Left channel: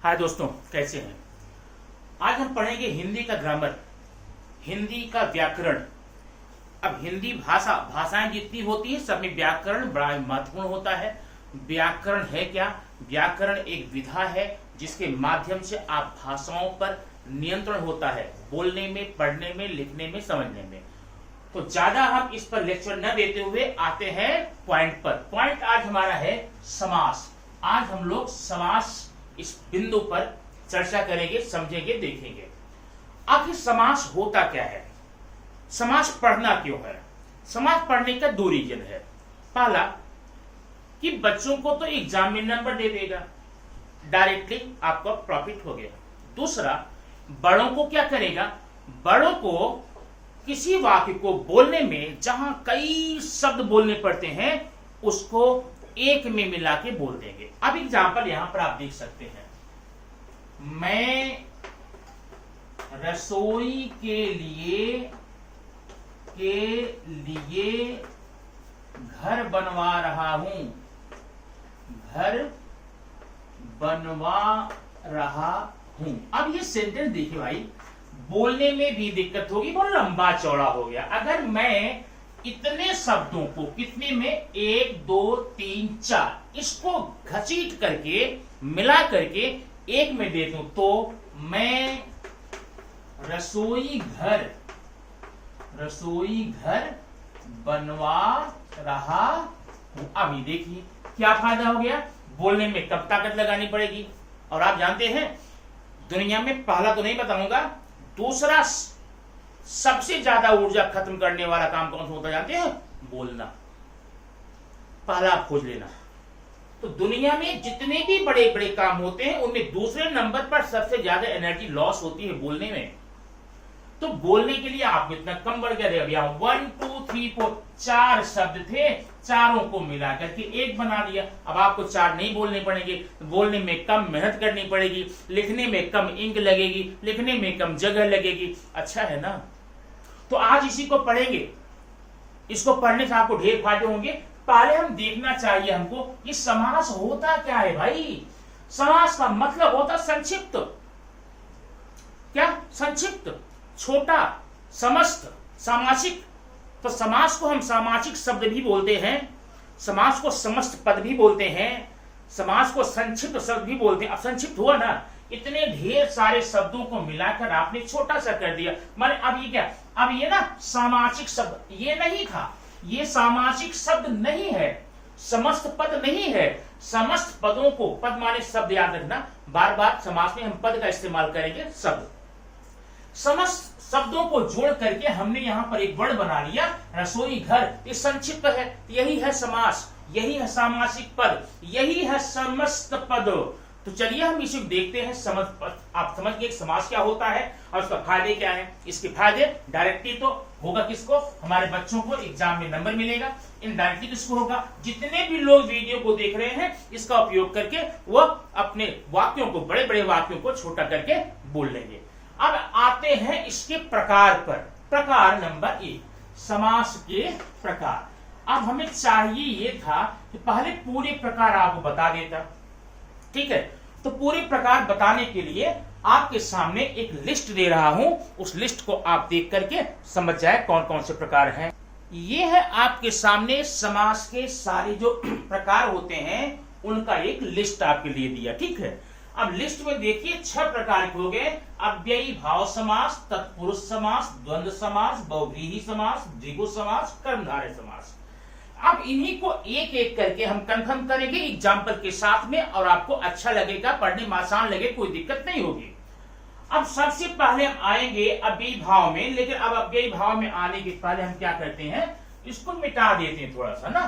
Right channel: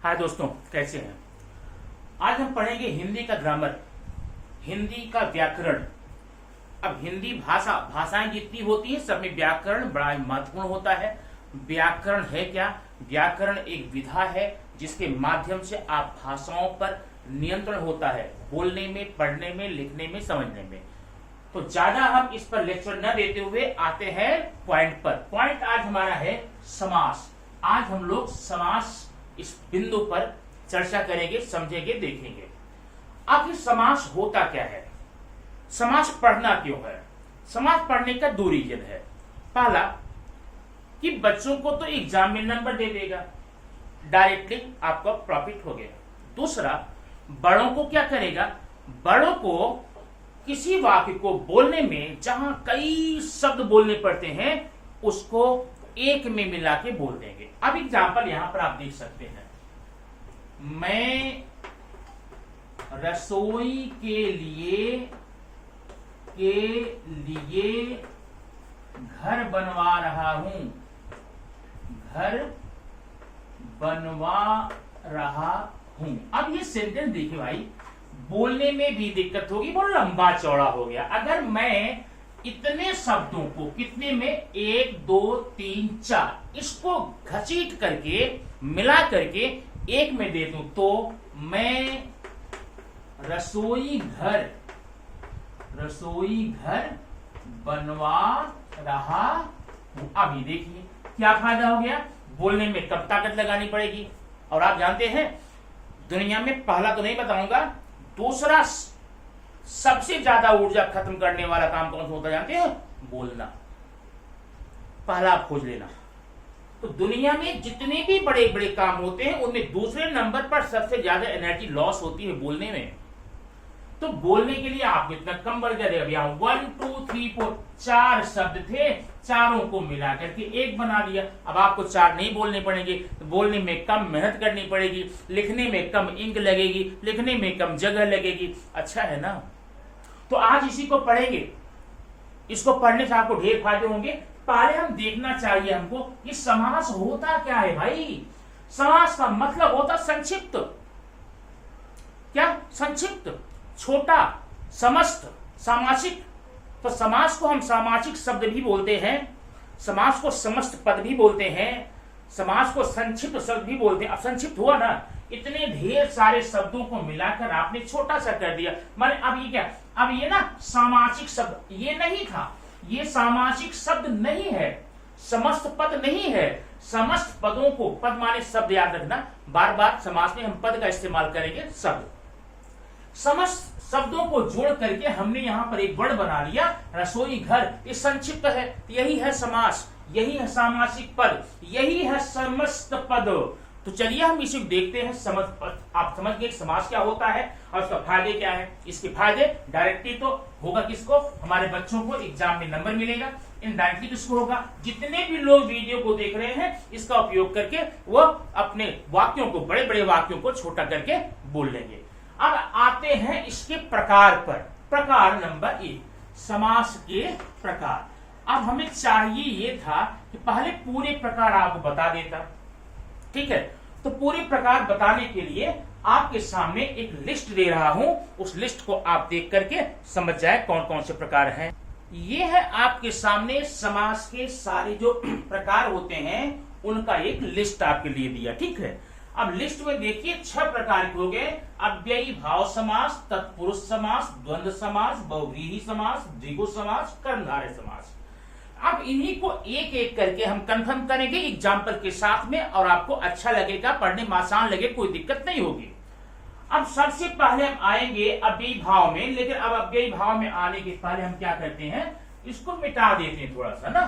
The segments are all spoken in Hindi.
हाय दोस्तों, कैसे हैं। आज हम पढ़ेंगे हिंदी का ग्रामर, हिंदी का व्याकरण। अब हिंदी भाषाएं जितनी होती है सब में व्याकरण बड़ा महत्वपूर्ण होता है। व्याकरण है क्या? व्याकरण एक विधा है जिसके माध्यम से आप भाषाओं पर नियंत्रण होता है, बोलने में, पढ़ने में, लिखने में, समझने में। तो ज्यादा हम इस पर लेक्चर न देते हुए आते हैं पॉइंट पर। पॉइंट आज हमारा है समास। आज हम लोग समास इस बिंदु पर चर्चा करेंगे, समझेंगे, देखेंगे। आखिर समास होता क्या है, समास पढ़ना क्यों है। समास पढ़ने का दो रीजन है। पहला कि बच्चों को तो एग्जाम में नंबर दे देगा, डायरेक्टली आपका प्रॉफिट हो गया। दूसरा, बड़ों को क्या करेगा, बड़ों को किसी वाक्य को बोलने में जहां कई शब्द बोलने पड़ते हैं उसको एक में मिला के बोल देंगे। अब एग्जाम्पल यहां पर आप देख सकते हैं। मैं रसोई के लिए घर बनवा रहा हूं, घर बनवा रहा हूं। अब ये सेंटेंस देखिए भाई, बोलने में भी दिक्कत होगी, बहुत लंबा चौड़ा हो गया। अगर मैं इतने शब्दों को कितने में 1 2 3 4 इसको घसीट करके मिला करके एक में दे दूं तो मैं रसोई घर बनवा रहा हूं। अब ये देखिए क्या फायदा हो गया, बोलने में कम ताकत लगानी पड़ेगी। और आप जानते हैं दुनिया में, पहला तो नहीं बताऊंगा, दूसरा सबसे ज्यादा ऊर्जा खत्म करने वाला काम कौन सा होता जानते हैं? बोलना। पहला आप खोज लेना। तो दुनिया में जितने भी बड़े बड़े काम होते हैं उनमें दूसरे नंबर पर सबसे ज्यादा एनर्जी लॉस होती है बोलने में। तो बोलने के लिए आपको इतना कम बढ़ गया। अभी 1 2 3 4 4 शब्द थे, चारों को मिला करके एक बना दिया। अब आपको 4 नहीं बोलने पड़ेंगे, तो बोलने में कम मेहनत करनी पड़ेगी, लिखने में कम इंक लगेगी, लिखने में कम जगह लगेगी। अच्छा है ना। तो आज इसी को पढ़ेंगे। इसको पढ़ने से आपको ढेर फायदे होंगे। पहले हम देखना चाहिए हमको कि समास होता क्या है भाई। समास का मतलब होता संक्षिप्त। क्या? संक्षिप्त, छोटा, समस्त, सामासिक। तो समास को हम सामासिक शब्द भी बोलते हैं, समास को समस्त पद भी बोलते हैं, समास को संक्षिप्त शब्द भी बोलते हैं। अब संक्षिप्त हुआ ना, इतने ढेर सारे शब्दों को मिलाकर आपने छोटा सा कर दिया। माने अब ये क्या, अब ये ना सामासिक शब्द ये नहीं था, ये सामासिक शब्द नहीं है, समस्त पद नहीं है। समस्त पदों को, पद माने शब्द, याद रखना, बार बार समास में हम पद का इस्तेमाल करेंगे, शब्द। समस्त शब्दों को जोड़ करके हमने यहां पर एक वर्ड बना लिया, रसोई घर। ये संक्षिप्त है, यही है समास, यही है सामासिक पद, यही है समस्त पद। तो चलिए हम इसे देखते हैं। आप समझ गए समास क्या होता है और उसका फायदे क्या है। इसके फायदे डायरेक्टली तो होगा किसको, हमारे बच्चों को एग्जाम में नंबर मिलेगा। इनडायरेक्टली किसको होगा, जितने भी लोग वीडियो को देख रहे हैं इसका उपयोग करके वो अपने वाक्यों को, बड़े बड़े वाक्यों को छोटा करके बोल लेंगे। अब आते हैं इसके प्रकार पर। प्रकार नंबर 1, समास के प्रकार। अब हमें चाहिए ये था कि पहले पूरे प्रकार आपको बता देता, ठीक है। तो पूरे प्रकार बताने के लिए आपके सामने एक लिस्ट दे रहा हूं, उस लिस्ट को आप देख करके समझ जाए कौन कौन से प्रकार हैं। ये है आपके सामने समास के सारे जो प्रकार होते हैं उनका एक लिस्ट आपके लिए दिया, ठीक है। अब लिस्ट में देखिए 6 प्रकार के हो गए। अव्ययी भाव समास, तत्पुरुष समास, द्वंद्व समास, बहुव्रीहि समास, द्विगु समास, कर्मधारय समास। अब इन्हीं को एक एक करके हम कंफर्म करेंगे एग्जाम्पल के साथ में, और आपको अच्छा लगेगा, पढ़ने में आसान लगे, कोई दिक्कत नहीं होगी। अब सबसे पहले हम आएंगे अव्ययी भाव में, लेकिन अब अव्ययी भाव में आने के पहले हम क्या करते हैं, इसको मिटा देते हैं थोड़ा सा ना।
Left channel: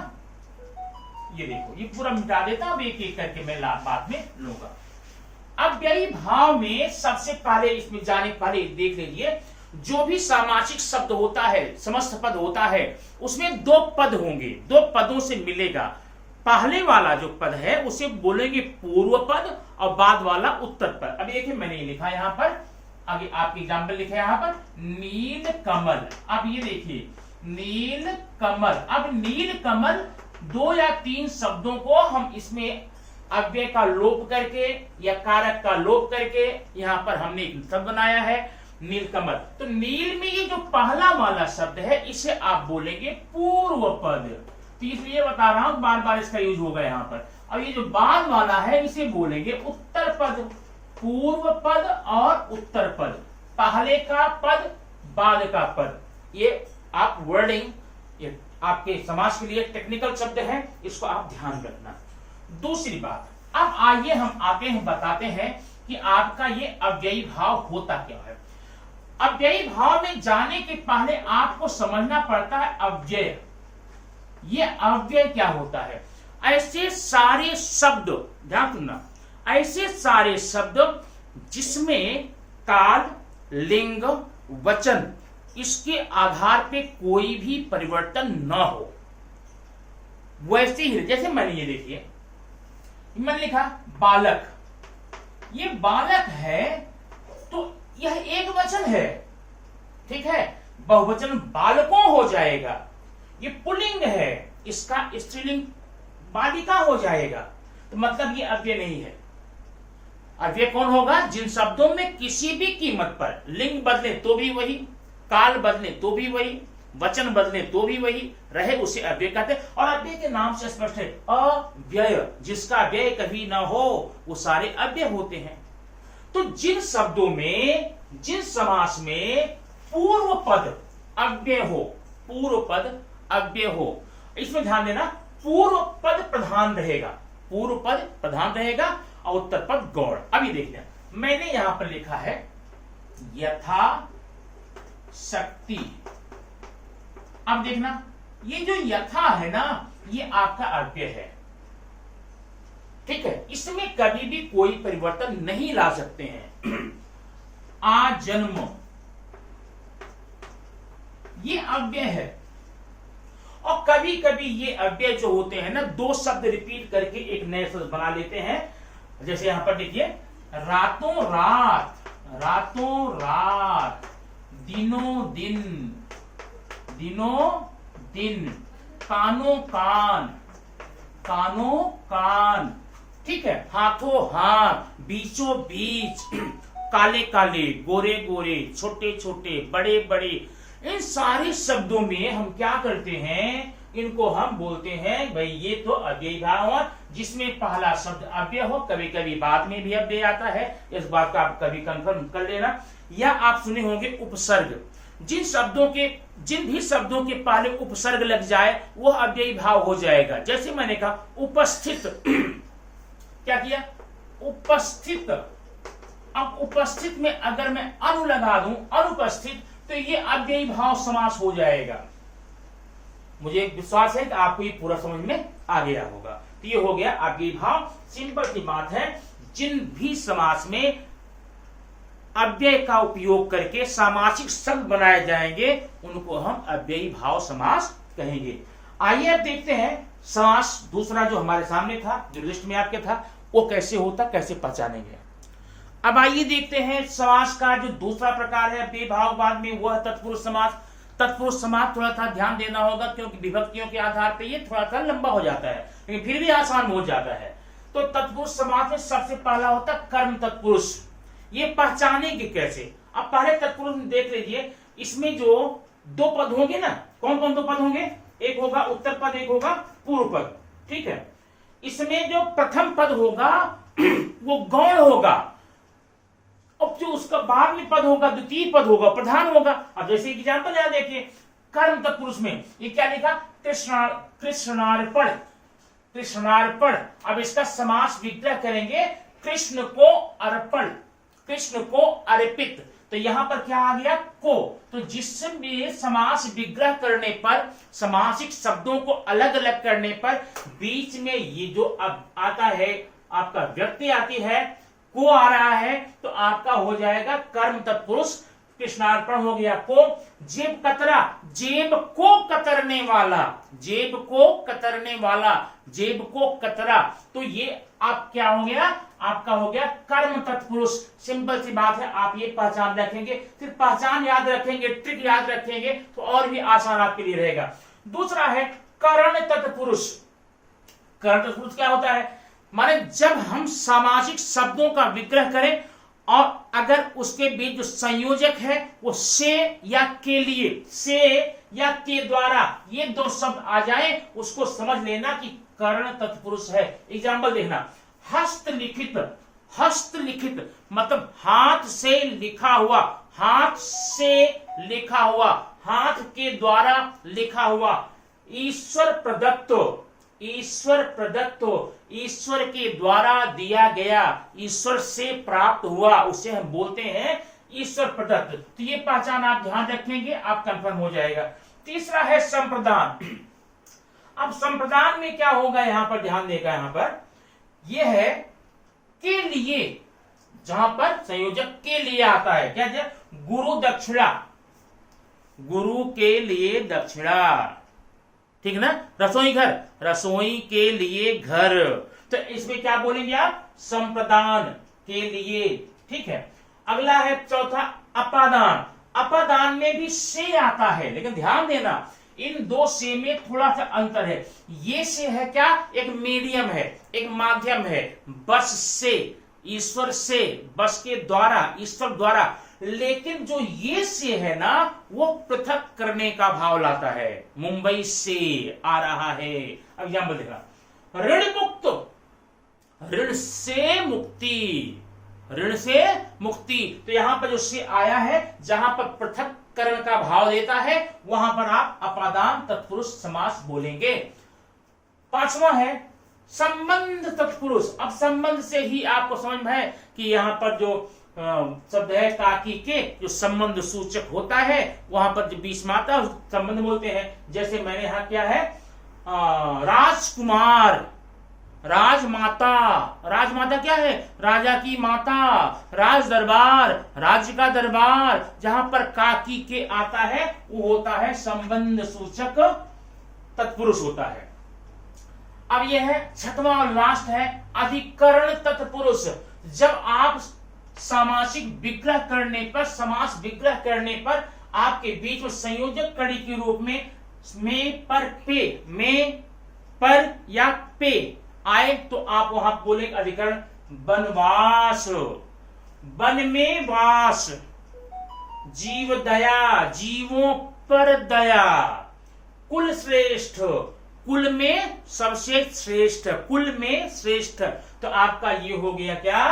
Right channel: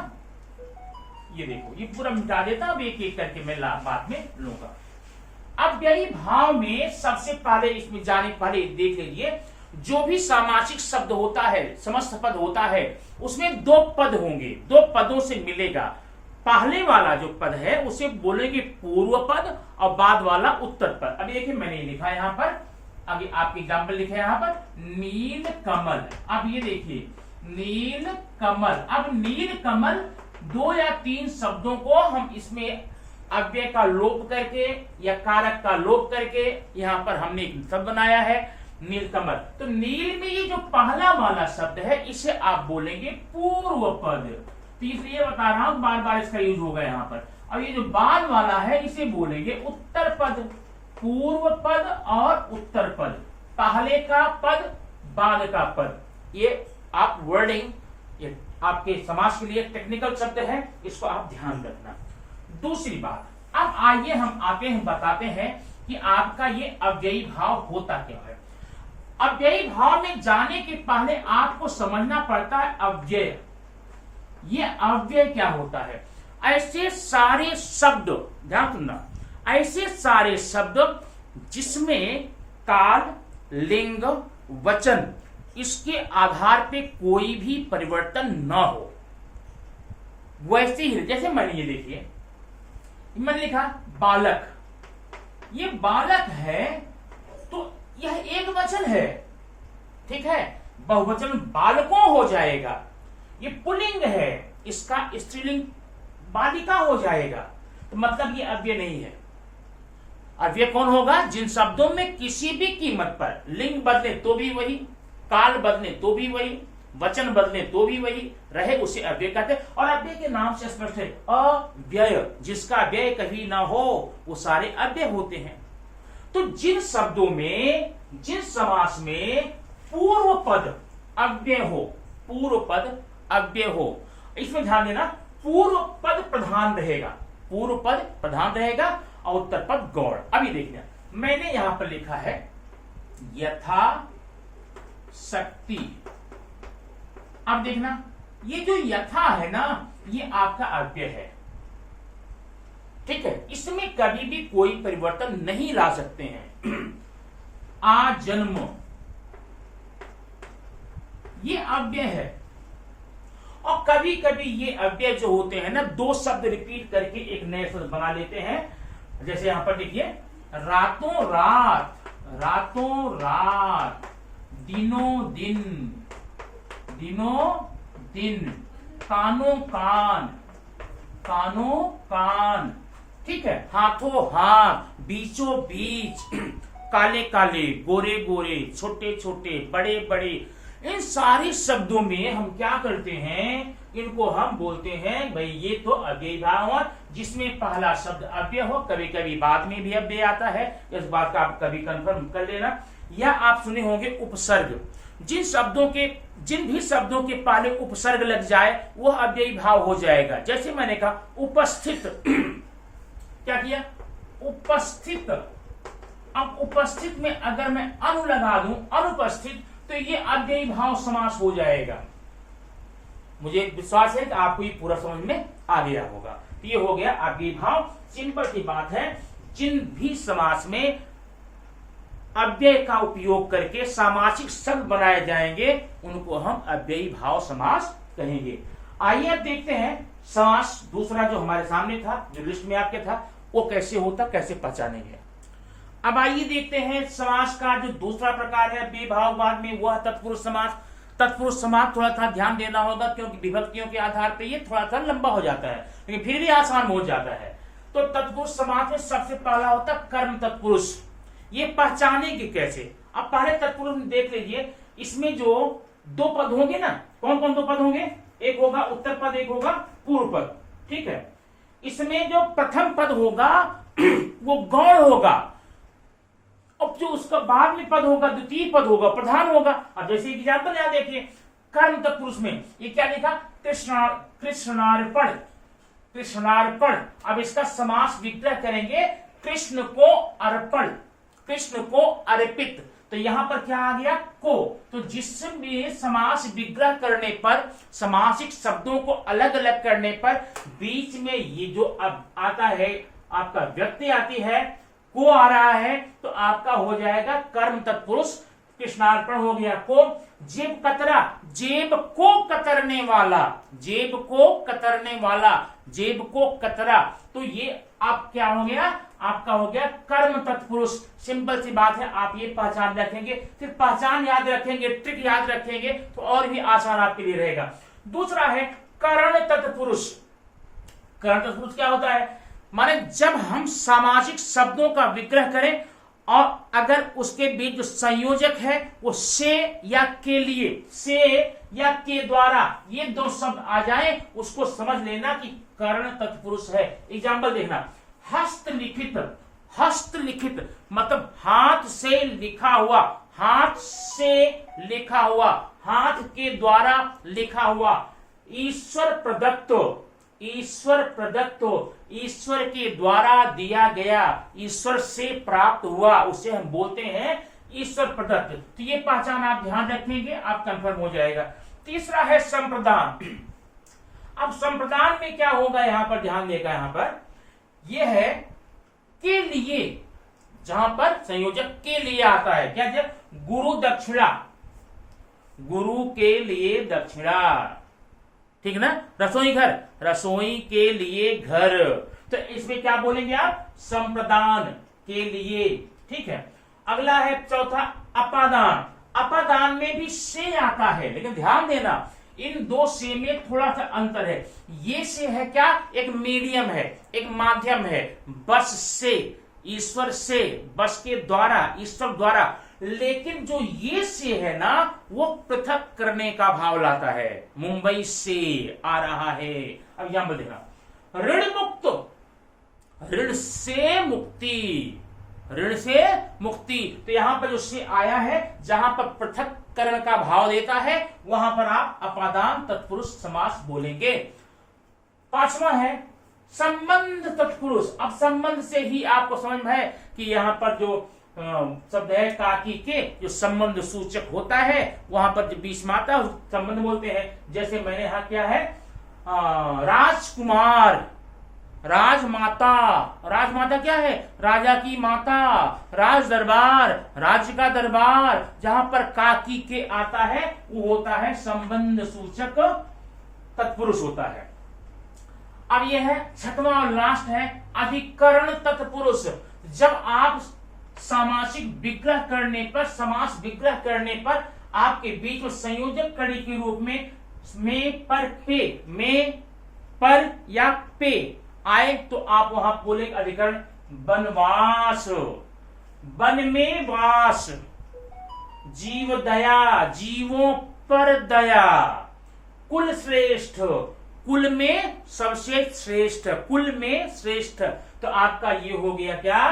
ये देखो, ये पूरा मिटा देता हूं, अब एक एक करके मैं बाद में लूंगा। अव्ययी भाव में सबसे पहले, इसमें जाने पहले देख लीजिए, जो भी सामासिक शब्द होता है, समस्त पद होता है, उसमें 2 पद होंगे, 2 पदों से मिलेगा। पहले वाला जो पद है उसे बोलेंगे पूर्व पद और बाद वाला उत्तर पद। अभी देखिए मैंने ये लिखा यहां पर, अभी आपके एग्जाम्पल लिखे यहां पर, नील कमल। अब ये देखिए नील कमल। अब नील कमल 2 या 3 शब्दों को हम इसमें अव्यय का लोप करके या कारक का लोप करके यहां पर हमने एक शब्द बनाया है नीलकमल। तो नील में ये जो पहला वाला शब्द है इसे आप बोलेंगे पूर्व पद। तो इसलिए बता रहा हूं बार बार इसका यूज होगा यहां पर। और ये जो बाद वाला है इसे बोलेंगे उत्तर पद। पूर्व पद और उत्तर पद, पहले का पद बाद का पद। ये आप वर्डिंग, ये आपके समाज के लिए टेक्निकल शब्द है, इसको आप ध्यान रखना। दूसरी बात, अब आइए हम आते हैं बताते हैं कि आपका ये अव्ययी भाव होता क्या है। अव्ययी भाव में जाने के पहले आपको समझना पड़ता है अव्यय। ये अव्यय क्या होता है? ऐसे सारे शब्द, ध्यान सुनना, ऐसे सारे शब्द जिसमें काल, लिंग, वचन इसके आधार पे कोई भी परिवर्तन न हो। वैसे ही जैसे मैंने ये देखिए, मैंने लिखा बालक, ये बालक है तो यह एक वचन है, ठीक है, बहुवचन बालकों हो जाएगा। ये पुल्लिंग है, इसका स्त्रीलिंग बालिका हो जाएगा। तो मतलब ये अव्यय नहीं है। अव्यय कौन होगा? जिन शब्दों में किसी भी कीमत पर लिंग बदले तो भी वही, काल बदले तो भी वही, वचन बदले तो भी वही रहे, उसे अव्यय कहते हैं। और अव्यय के नाम से स्पष्ट है अव्यय, जिसका व्यय कभी ना हो वो सारे अव्यय होते हैं। तो जिन शब्दों में, जिन समास में पूर्व पद अव्यय हो, पूर्व पद अव्यय हो, इसमें ध्यान देना, पूर्व पद प्रधान रहेगा, पूर्व पद प्रधान रहेगा और उत्तर पद गौड़। अभी देखना, मैंने यहां पर लिखा है यथा शक्ति। अब देखना, ये जो यथा है ना, ये आपका अव्यय है, ठीक है, इसमें कभी भी कोई परिवर्तन नहीं ला सकते हैं। आजन्म, ये अव्यय है। और कभी कभी ये अव्यय जो होते हैं ना, दो शब्द रिपीट करके एक नए शब्द बना लेते हैं। जैसे यहां पर देखिए, रातों रात, रातों रात, दिनों दिन, दिनों दिन, कानों कान, कानों कान, ठीक है, हाथों हाथ, बीचों बीच, काले काले, गोरे गोरे, छोटे छोटे, बड़े बड़े, इन सारे शब्दों में हम क्या करते हैं, इनको हम बोलते हैं भाई ये तो अव्ययी भाव हुआ, जिसमें पहला शब्द अव्यय हो, कभी कभी बाद में भी अव्यय आता है, इस बात का आप कभी कंफर्म कर लेना। या आप सुने होंगे उपसर्ग, जिन शब्दों के, जिन भी शब्दों के पहले उपसर्ग लग जाए वो अव्ययी भाव हो जाएगा। जैसे मैंने कहा उपस्थित, क्या किया? उपस्थित। अब उपस्थित में अगर मैं अनु लगा दूं, अनुपस्थित, तो ये अव्ययी भाव समास हो जाएगा। मुझे विश्वास है कि आपको ये पूरा समझ में आ गया होगा। तो ये हो गया अव्ययी भाव। सिंपल सी बात है, जिन भी समास में अव्यय का उपयोग करके सामासिक शब्द बनाए जाएंगे उनको हम अव्ययी भाव समास कहेंगे। आइए अब देखते हैं समास दूसरा जो हमारे सामने था, जो लिस्ट में आपके था, वो कैसे होता, कैसे पहचानेंगे। अब आइए देखते हैं समास का जो दूसरा प्रकार है विभाववाद में, वह तत्पुरुष समास। तत्पुरुष समास थोड़ा सा ध्यान देना होगा क्योंकि विभक्तियों के आधार पर ये थोड़ा सा लंबा हो जाता है, लेकिन फिर भी आसान हो जाता है। तो तत्पुरुष समास में सबसे पहला होता है कर्म तत्पुरुष। ये पहचानेंगे कैसे? अब पहले तत्पुरुष में देख लीजिए, इसमें जो दो पद होंगे ना, कौन कौन दो पद होंगे? एक होगा उत्तर पद, एक होगा पूर्व पद, ठीक है। इसमें जो प्रथम पद होगा वो गौण होगा, अब जो उसका बाद में पद होगा, द्वितीय पद होगा, प्रधान होगा। अब जैसे एग्जाम्पल यहां देखिए, कर्म तत्पुरुष में ये क्या लिखा? कृष्णार्पण, कृष्णार्पण। अब इसका समास विग्रह करेंगे, कृष्ण को अर्पण, कृष्ण को अर्पित। तो यहां पर क्या आ गया? को। तो जिसमें समास विग्रह करने पर, समासिक शब्दों को अलग अलग करने पर बीच में ये जो अब आता है, आपका व्यक्ति आती है, को आ रहा है, तो आपका हो जाएगा कर्म तत्पुरुष। कृष्णार्पण हो गया को। जेब कतरा, जेब को कतरने वाला, जेब को कतरने वाला, जेब को कतरा। तो ये आप क्या हो गया? आपका हो गया कर्म तत्पुरुष। सिंपल सी बात है, आप ये पहचान रखेंगे, सिर्फ पहचान याद रखेंगे, ट्रिक याद रखेंगे तो और भी आसान आपके लिए रहेगा। दूसरा है करण तत्पुरुष। करण तत्पुरुष क्या होता है? माने जब हम सामाजिक शब्दों का विग्रह करें और अगर उसके बीच जो संयोजक है वो से या के लिए, से या के द्वारा ये दो शब्द आ जाए, उसको समझ लेना कि कर्ण तत्पुरुष है। एग्जाम्पल देखना, हस्तलिखित, हस्तलिखित मतलब हाथ से लिखा हुआ, हाथ से लिखा हुआ, हाथ के द्वारा लिखा हुआ। ईश्वर प्रदत्त, ईश्वर प्रदत्त, ईश्वर के द्वारा दिया गया, ईश्वर से प्राप्त हुआ, उसे हम बोलते हैं ईश्वर प्रदत्त। तो ये पहचान आप ध्यान रखेंगे, आप कंफर्म हो जाएगा। तीसरा है संप्रदान। अब संप्रदान में क्या होगा, यहां पर ध्यान देगा, यहां पर यह है के लिए, जहां पर संयोजक के लिए आता है, क्या है, गुरु दक्षिणा, गुरु के लिए दक्षिणा, ठीक ना। रसोई घर, रसोई के लिए घर, तो इसमें क्या बोलेंगे आप, संप्रदान के लिए, ठीक है। अगला है चौथा अपादान। अपादान में भी से आता है, लेकिन ध्यान देना इन दो से में थोड़ा सा अंतर है। ये से है क्या, एक मीडियम है, एक माध्यम है, बस से, ईश्वर से, बस के द्वारा, ईश्वर द्वारा। लेकिन जो ये से है ना, वो पृथक करने का भाव लाता है, मुंबई से आ रहा है। अब एग्जाम्पल देखना, ऋण मुक्त, ऋण से मुक्ति, ऋण से मुक्ति। तो यहां पर जो से आया है, जहां पर पृथक करण का भाव देता है, वहां पर आप अपादान तत्पुरुष समास बोलेंगे। पांचवा है संबंध तत्पुरुष। अब संबंध से ही आपको समझ में है कि यहां पर जो शब्द है काकी के, जो संबंध सूचक होता है, वहां पर जो बीच में आता है संबंध बोलते हैं। जैसे मैंने यहां क्या है, राजकुमार, राजमाता, राजमाता क्या है, राजा की माता, राज दरबार, राज्य का दरबार। जहां पर काकी के आता है वो होता है संबंध सूचक तत्पुरुष होता है। अब यह है छठवां और लास्ट है अधिकरण तत्पुरुष। जब आप सामासिक विग्रह करने पर, समास विग्रह करने पर आपके बीच में संयोजक कड़ी के रूप में पर पे, में पर या पे आए, तो आप वहां बोले अधिकरण वनवास, वन में वास, जीव दया, जीवों पर दया, कुल श्रेष्ठ, कुल में सबसे श्रेष्ठ, कुल में श्रेष्ठ। तो आपका ये हो गया क्या,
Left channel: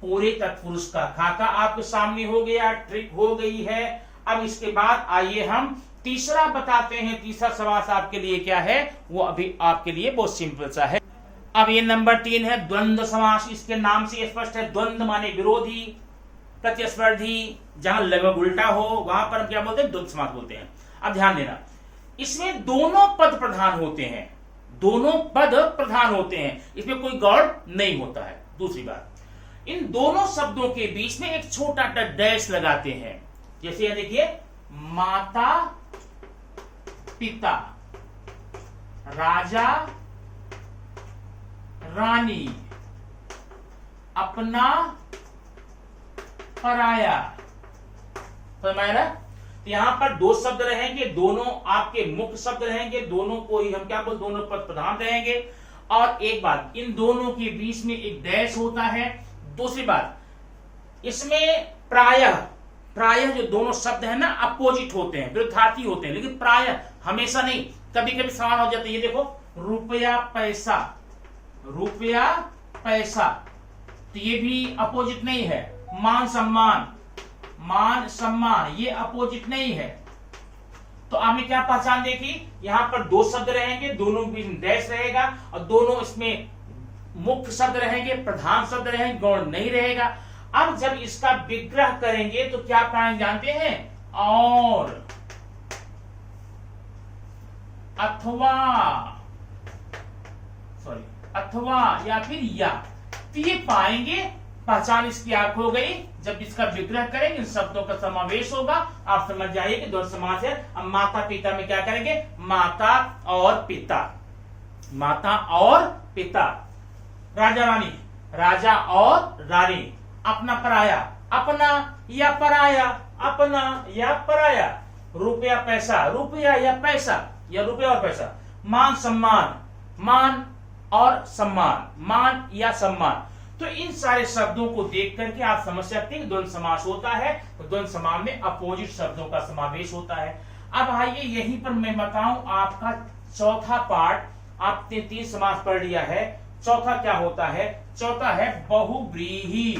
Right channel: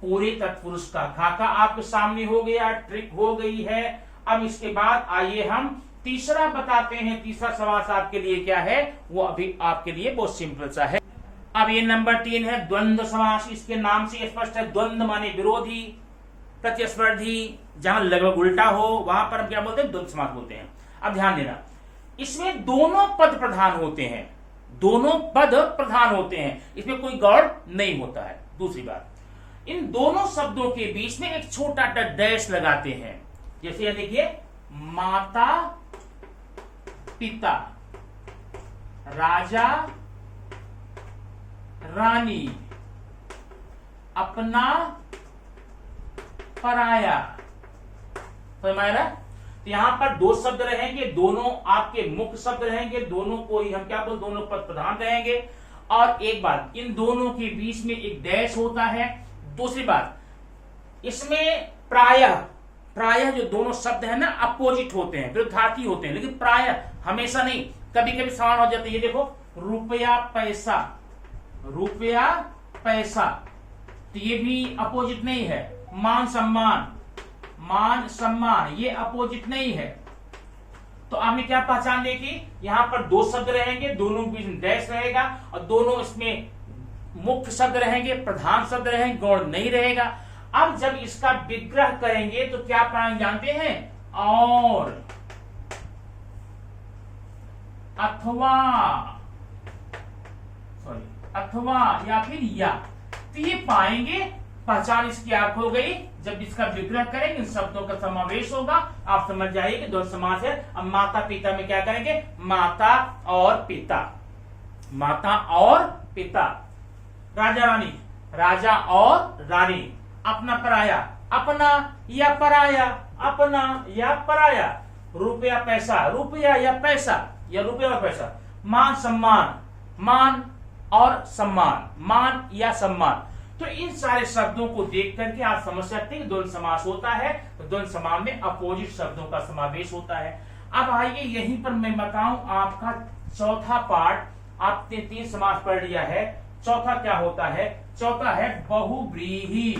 पूरे तत्पुरुष का खाका आपके सामने हो गया, ट्रिक हो गई है। अब इसके बाद आइए हम तीसरा बताते हैं। तीसरा समास आपके लिए क्या है, वो अभी आपके लिए बहुत सिंपल सा है। अब ये नंबर 3 है द्वंद्व समास। इसके नाम से स्पष्ट है, द्वंद्व माने विरोधी, प्रतिस्पर्धी, जहां लगभग उल्टा हो, वहां पर हम क्या बोलते हैं, द्वंद्व समास बोलते हैं। अब ध्यान देना, इसमें दोनों पद प्रधान होते हैं, दोनों पद प्रधान होते हैं, इसमें कोई गौड़ नहीं होता है। दूसरी बात, इन दोनों शब्दों के बीच में एक छोटा सा डैश लगाते हैं। जैसे यह देखिए, माता पिता, राजा रानी, अपना पराया। समझ में आ रहा है? तो यहां पर दो शब्द रहेंगे, दोनों आपके मुख्य शब्द रहेंगे, दोनों को ही हम क्या बोल, दोनों पद प्रधान रहेंगे। और एक बात, इन दोनों के बीच में एक डैश होता है। दूसरी बात, इसमें प्रायः, प्रायः जो दोनों शब्द है ना, अपोजिट होते हैं, विरुद्धार्थी होते हैं, लेकिन प्रायः हमेशा नहीं, कभी कभी समान हो जाते हैं। ये देखो, रुपया पैसा, रुपया पैसा, तो ये भी अपोजिट नहीं है। मान सम्मान, मान सम्मान, ये अपोजिट नहीं है। तो आपने क्या पहचान देखी, यहां पर दो शब्द रहेंगे, दोनों के बीच डैश रहेगा, और दोनों इसमें मुख्य शब्द रहेंगे, प्रधान शब्द रहेंगे, गौण नहीं रहेगा। अब जब इसका विग्रह करेंगे तो क्या प्राण जानते हैं, और, अथवा, सॉरी, अथवा या फिर या, तो ये पाएंगे। पहचान इसकी आप हो गई। जब इसका विग्रह करेंगे, इन शब्दों का समावेश होगा, आप समझ जाइए कि दो समास है। अब माता पिता में क्या करेंगे, माता और पिता, माता और पिता। राजा रानी, राजा और रानी। अपना पराया, अपना या पराया, अपना या पराया। रुपया पैसा, रुपया या पैसा, या रुपया और पैसा। मान सम्मान, मान और सम्मान, मान या सम्मान। तो इन सारे शब्दों को देख करके आप समझ सकते हैं द्वंद्व समास होता है, तो द्वंद्व समास में अपोजिट शब्दों का समावेश होता है। अब आइए यहीं पर मैं बताऊं आपका चौथा पार्ट। आपने 3 समास पढ़ लिया है, चौथा क्या होता है? चौथा है बहुव्रीहि।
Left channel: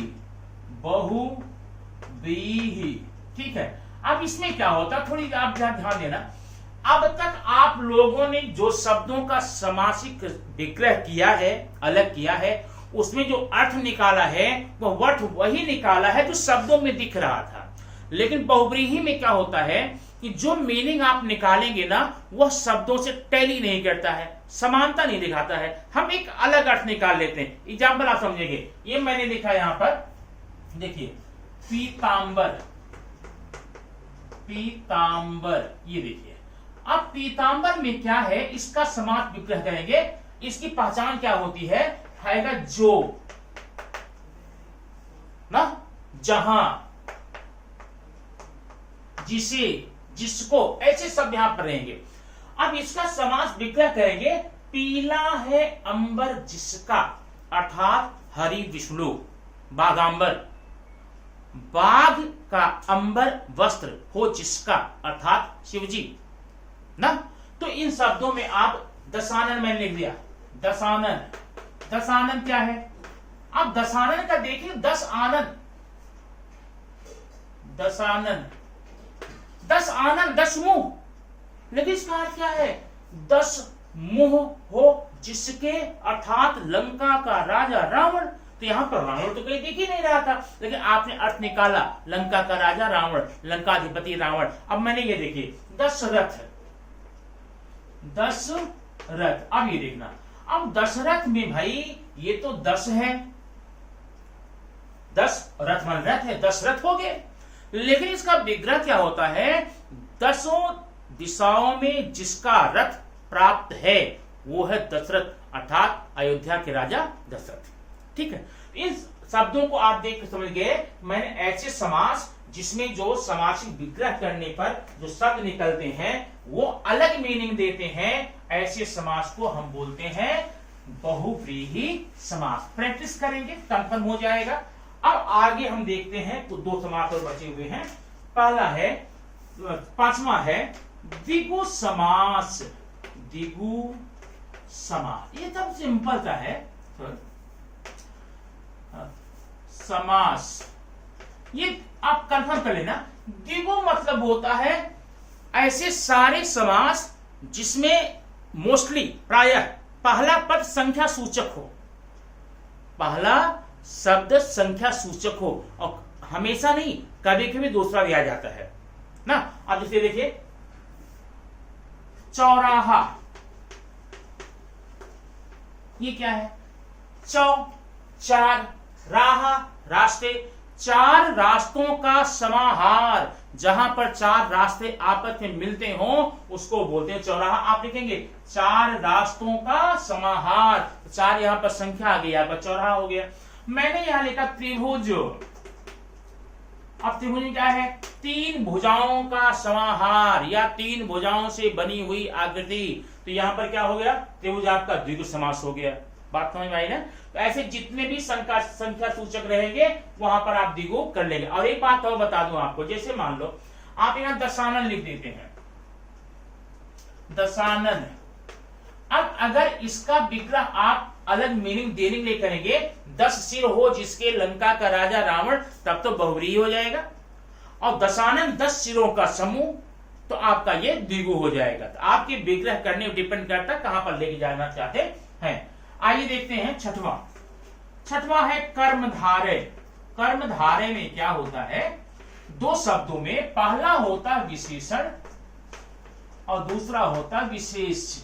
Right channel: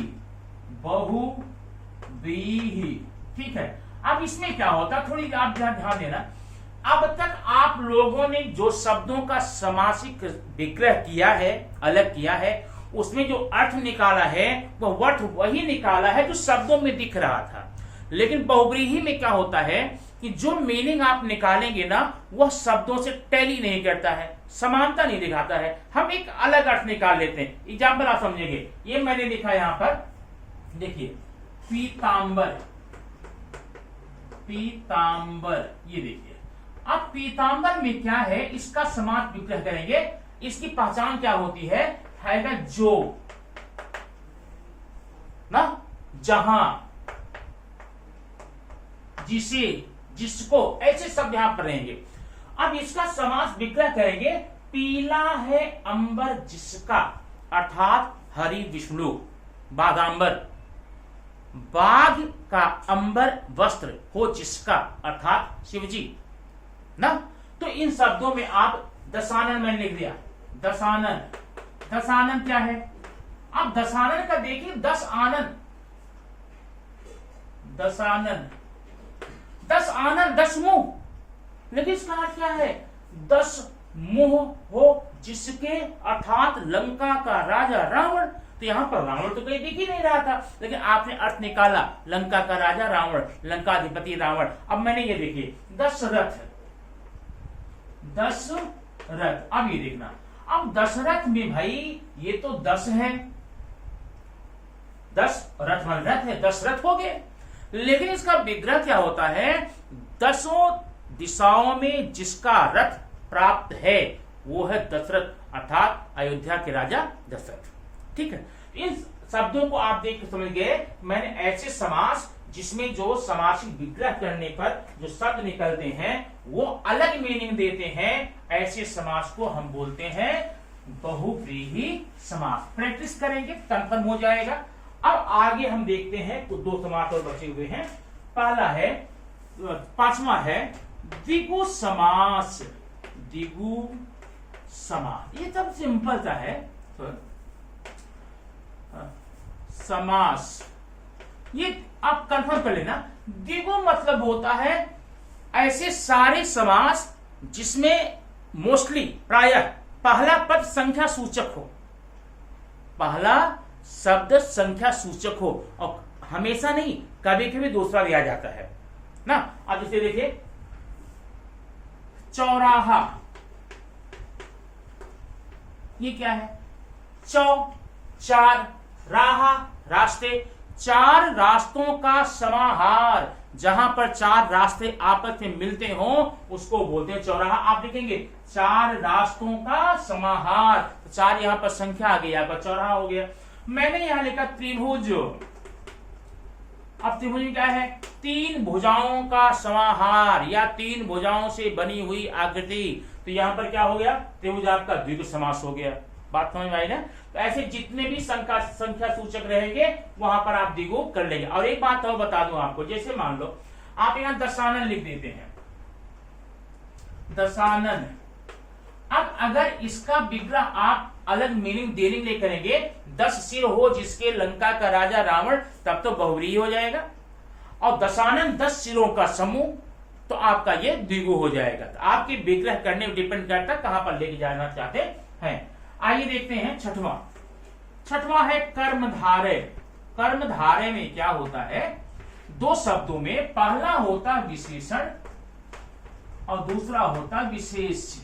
बहुव्रीहि, ठीक है। अब इसमें क्या होता है, थोड़ी आप ध्यान देना। अब तक आप लोगों ने जो शब्दों का समासिक विग्रह किया है, अलग किया है, उसमें जो अर्थ निकाला है वह अर्थ वही निकाला है जो शब्दों में दिख रहा था। लेकिन बहुव्रीहि में क्या होता है कि जो मीनिंग आप निकालेंगे ना वह शब्दों से टैली नहीं करता है, समानता नहीं दिखाता है, हम एक अलग अर्थ निकाल लेते हैं। एग्जाम्पल आप समझेंगे, ये मैंने लिखा यहां पर, देखिए पीतांबर, पीतांबर, ये देखिए। अब पीतांबर में क्या है, इसका समास विग्रह करेंगे, इसकी पहचान क्या होती है जो ना, जहां, जिसे, जिसको, ऐसे शब्द यहां पर रहेंगे। अब इसका समास विग्रह करेंगे, पीला है अंबर जिसका, अर्थात हरि विष्णु, बाघांबर, बाघ का अंबर वस्त्र हो जिसका, अर्थात शिवजी ना। तो इन शब्दों में आप दशानन मैंने लिख दिया, दशानन। दशानन क्या है? आप दशानन का देखिए, 10 आनंद, दशानन, 10 आनंद, 10 मुंह, लेकिन इसका अर्थ क्या है? 10 मुंह हो जिसके, अर्थात लंका का राजा रावण। तो यहां पर रावण तो कहीं दिख ही नहीं रहा था, लेकिन आपने अर्थ निकाला, लंका का राजा रावण, लंकाधिपति रावण। अब मैंने ये देखिए 10 रथ, 10 रथ। अब ये देखना, अब दशरथ में भाई ये तो 10 है, 10 रथ मान रथ है, 10 रथ हो गए। लेकिन इसका विग्रह क्या होता है? 10 दिशाओं में जिसका रथ प्राप्त है वो है दशरथ, अर्थात अयोध्या के राजा दशरथ। ठीक है, इन शब्दों को आप देख समझ गए। मैंने ऐसे समास जिसमें जो समासिक विग्रह करने पर जो शब्द निकलते हैं वो अलग मीनिंग देते हैं, ऐसे समास को हम बोलते हैं बहुव्रीहि समास। प्रैक्टिस करेंगे कंफर्म हो जाएगा। अब आगे हम देखते हैं तो 2 समास और बचे हुए हैं। पहला है, 5वां है द्विगु समास। द्विगु समास ये सब सिंपल सा है। समास ये आप कंफर्म कर लेना। द्विगु मतलब होता है ऐसे सारे समास जिसमें मोस्टली, प्रायः पहला पद संख्या सूचक हो, पहला शब्द संख्या सूचक हो, और हमेशा नहीं, कभी कभी दूसरा भी आ जाता है ना। अब इसे देखिए, चौराहा, ये क्या है? चौ, 4, राह, रास्ते, 4 रास्तों का समाहार। जहां पर 4 रास्ते आपस में मिलते हो उसको बोलते हैं चौराहा। आप लिखेंगे 4 रास्तों का समाहार, 4 यहां पर संख्या आ गई, यहां पर चौराहा हो गया। मैंने यहां लिखा त्रिभुज। अब त्रिभुज में क्या है? 3 भुजाओं का समाहार या 3 भुजाओं से बनी हुई आकृति। तो यहां पर क्या हो गया? त्रिभुज आपका द्विगु समास हो गया। बात समझ में आई ना? तो ऐसे जितने भी संख्या सूचक रहेंगे वहां पर आप द्विगु कर लेंगे। और एक बात और बता दूं आपको, जैसे मान लो आप यहां दशानन लिख देते हैं, दशानन। अब अगर इसका विग्रह आप अलग मीनिंग देने के लिए करेंगे, 10 सिर हो जिसके लंका का राजा रावण, तब तो बहुव्रीहि हो जाएगा। और दशानन 10 सिरों का समूह, तो आपका ये द्विगु हो जाएगा। तो आपके विग्रह करने पर डिपेंड करता है कहां पर लेके जाना चाहते हैं। आइए देखते हैं छठवां है कर्मधारय। कर्मधारय में क्या होता है? 2 शब्दों में पहला होता विशेषण और दूसरा होता विशेष्य,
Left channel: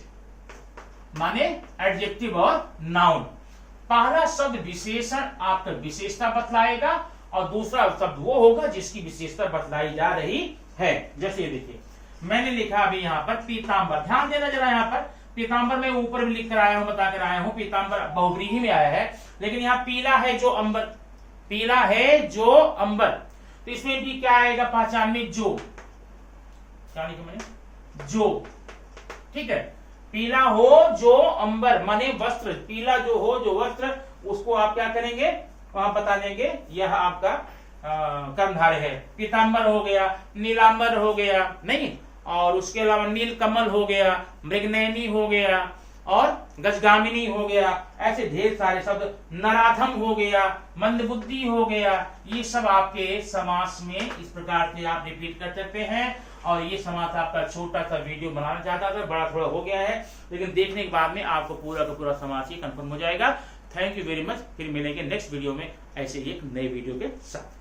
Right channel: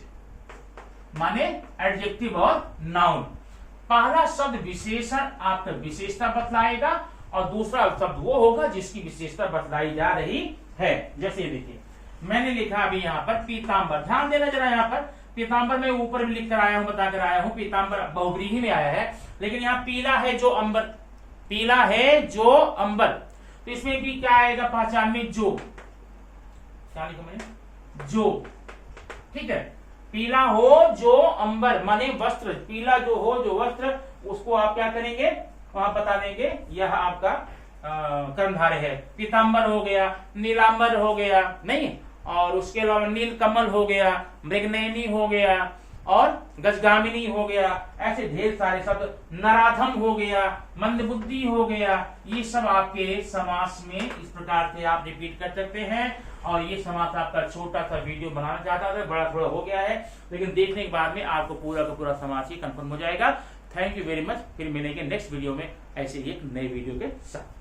माने एडजेक्टिव और नाउन। पहला शब्द विशेषण आपका विशेषता बतलाएगा और दूसरा शब्द वो होगा जिसकी विशेषता बतलाई जा रही है। जैसे देखिए, मैंने लिखा अभी यहां पर पीतांबर। ध्यान देना जरा, यहां पर पीतांबर में ऊपर भी लिख कर आया हूं, बता कर आया हूं, पीतांबर बहुव्रीहि में आया है। लेकिन यहाँ पीला है जो अंबर, पीला है जो अंबर, तो इसमें भी क्या आएगा पहचान में? जो, क्या लिखा मैंने? जो। ठीक है, पीला हो जो अंबर माने वस्त्र, पीला जो हो जो वस्त्र, उसको आप क्या करेंगे वहां बता देंगे यह आपका कर्णधार है। पीतांबर हो गया, नीलांबर हो गया, नहीं, और उसके अलावा नील कमल हो गया, मृगनयनी हो गया और गजगामिनी हो गया, ऐसे ढेर सारे शब्द, नराधम हो गया, मंदबुद्धि हो गया, ये सब आपके समास में इस प्रकार से आप रिपीट कर सकते हैं। और ये समास आपका छोटा सा वीडियो बनाना चाहता था, बड़ा थोड़ा हो गया है, लेकिन देखने के बाद में आपको पूरा का पूरा समास ही कंफर्म हो जाएगा। Thank you very much. फिर मिलेंगे नेक्स्ट वीडियो में ऐसे ही एक नए वीडियो के साथ।